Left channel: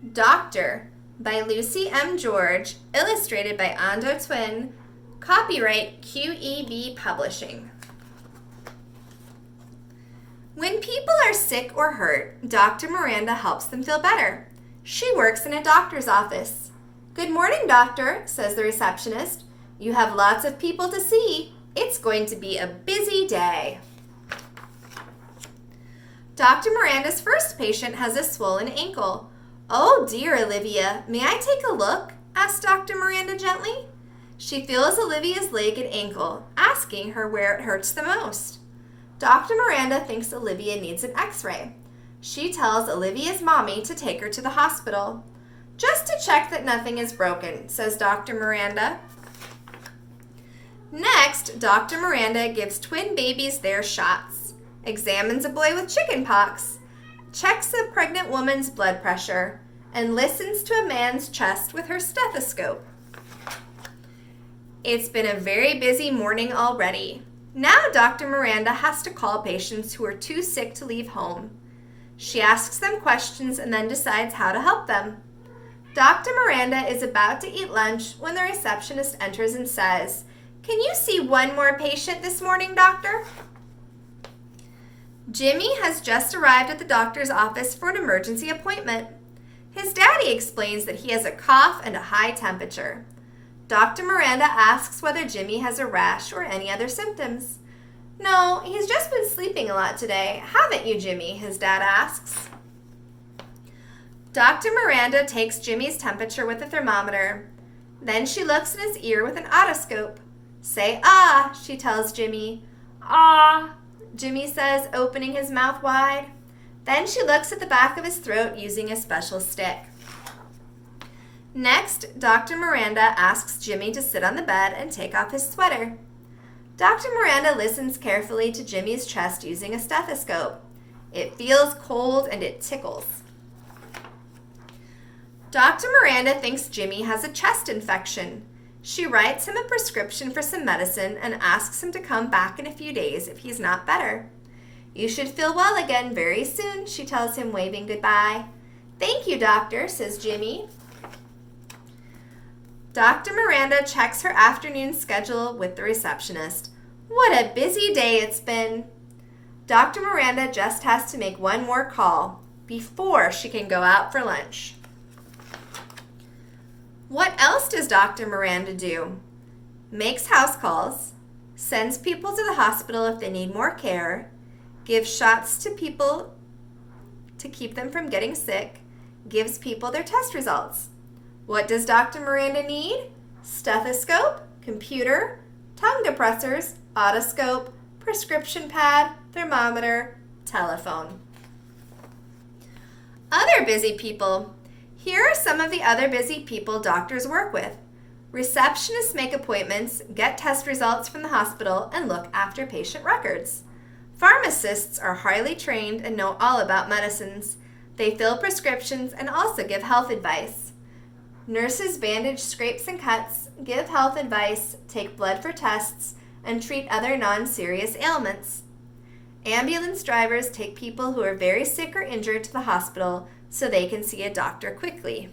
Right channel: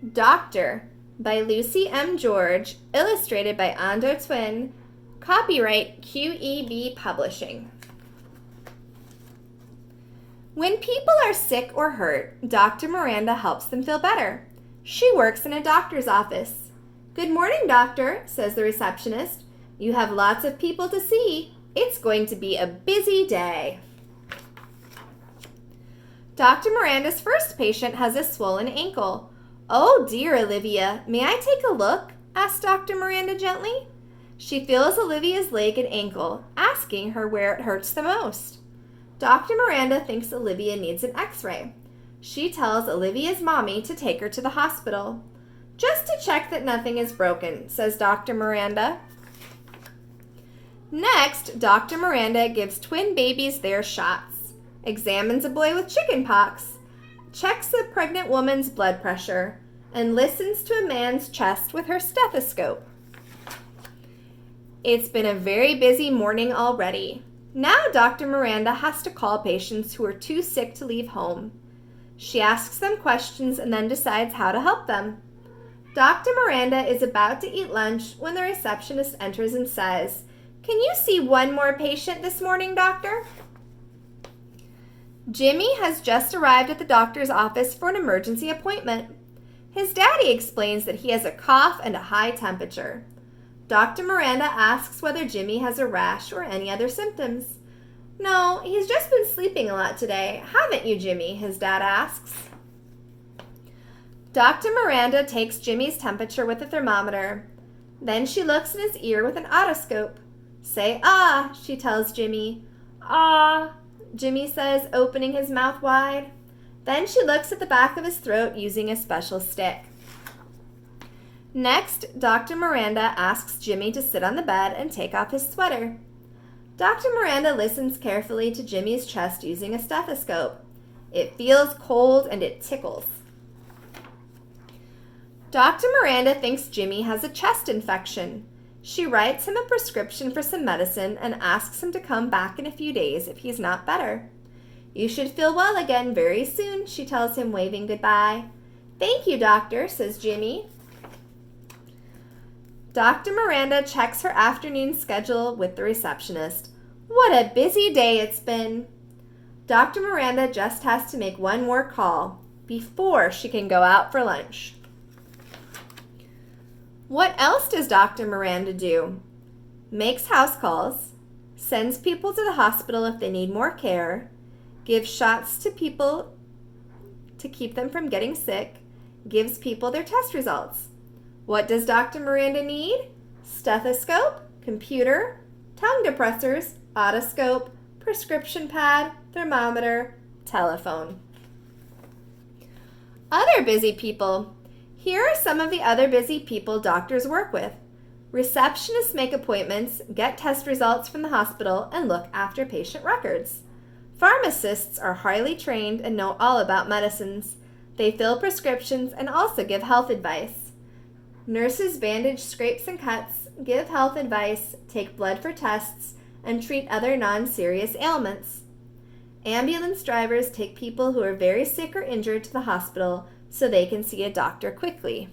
Doctor by Lucy M. George, illustrated by Ando Twin, copyright QEB Publishing. When people are sick or hurt, Dr. Miranda helps them feel better. She works in a doctor's office. "Good morning, doctor," says the receptionist. "You have lots of people to see. It's going to be a busy day." Dr. Miranda's first patient has a swollen ankle. "Oh dear, Olivia, may I take a look?" asks Dr. Miranda gently. She feels Olivia's leg and ankle, asking her where it hurts the most. Dr. Miranda thinks Olivia needs an x-ray. She tells Olivia's mommy to take her to the hospital. "Just to check that nothing is broken," says Dr. Miranda. Next, Dr. Miranda gives twin babies their shots, examines a boy with chicken pox, checks a pregnant woman's blood pressure, and listens to a man's chest with her stethoscope. It's been a very busy morning already. Now Dr. Miranda has to call patients who are too sick to leave home. She asks them questions and then decides how to help them. Dr. Miranda is about to eat lunch when the receptionist enters and says, "Can you see one more patient this morning, doctor?" Jimmy has just arrived at the doctor's office for an emergency appointment. His daddy explains that he has a cough and a high temperature. Dr. Miranda asks whether Jimmy has a rash or any other symptoms. "No, he's just been sleeping a lot today. Haven't you, Jimmy?" his dad asks. Dr. Miranda takes Jimmy's temperature with a thermometer. Then she looks in his ear with an otoscope. "Say ah," she tells Jimmy. "Ah," Jimmy says, opening his mouth wide. Then she looks at the back of his throat using a special stick. Next, Dr. Miranda asks Jimmy to sit on the bed and take off his sweater. Dr. Miranda listens carefully to Jimmy's chest using a stethoscope. It feels cold and it tickles. Dr. Miranda thinks Jimmy has a chest infection. She writes him a prescription for some medicine and asks him to come back in a few days if he's not better. "You should feel well again very soon," she tells him, waving goodbye. "Thank you, doctor," says Jimmy. Dr. Miranda checks her afternoon schedule with the receptionist. What a busy day it's been. Dr. Miranda just has to make one more call before she can go out for lunch. What else does Dr. Miranda do? Makes house calls, sends people to the hospital if they need more care, gives shots to people to keep them from getting sick, gives people their test results. What does Dr. Miranda need? Stethoscope, computer, tongue depressors, otoscope, prescription pad, thermometer, telephone. Other busy people. Here are some of the other busy people doctors work with. Receptionists make appointments, get test results from the hospital, and look after patient records. Pharmacists are highly trained and know all about medicines. They fill prescriptions and also give health advice. Nurses bandage scrapes and cuts, give health advice, take blood for tests, and treat other non-serious ailments. Ambulance drivers take people who are very sick or injured to the hospital so they can see a doctor quickly.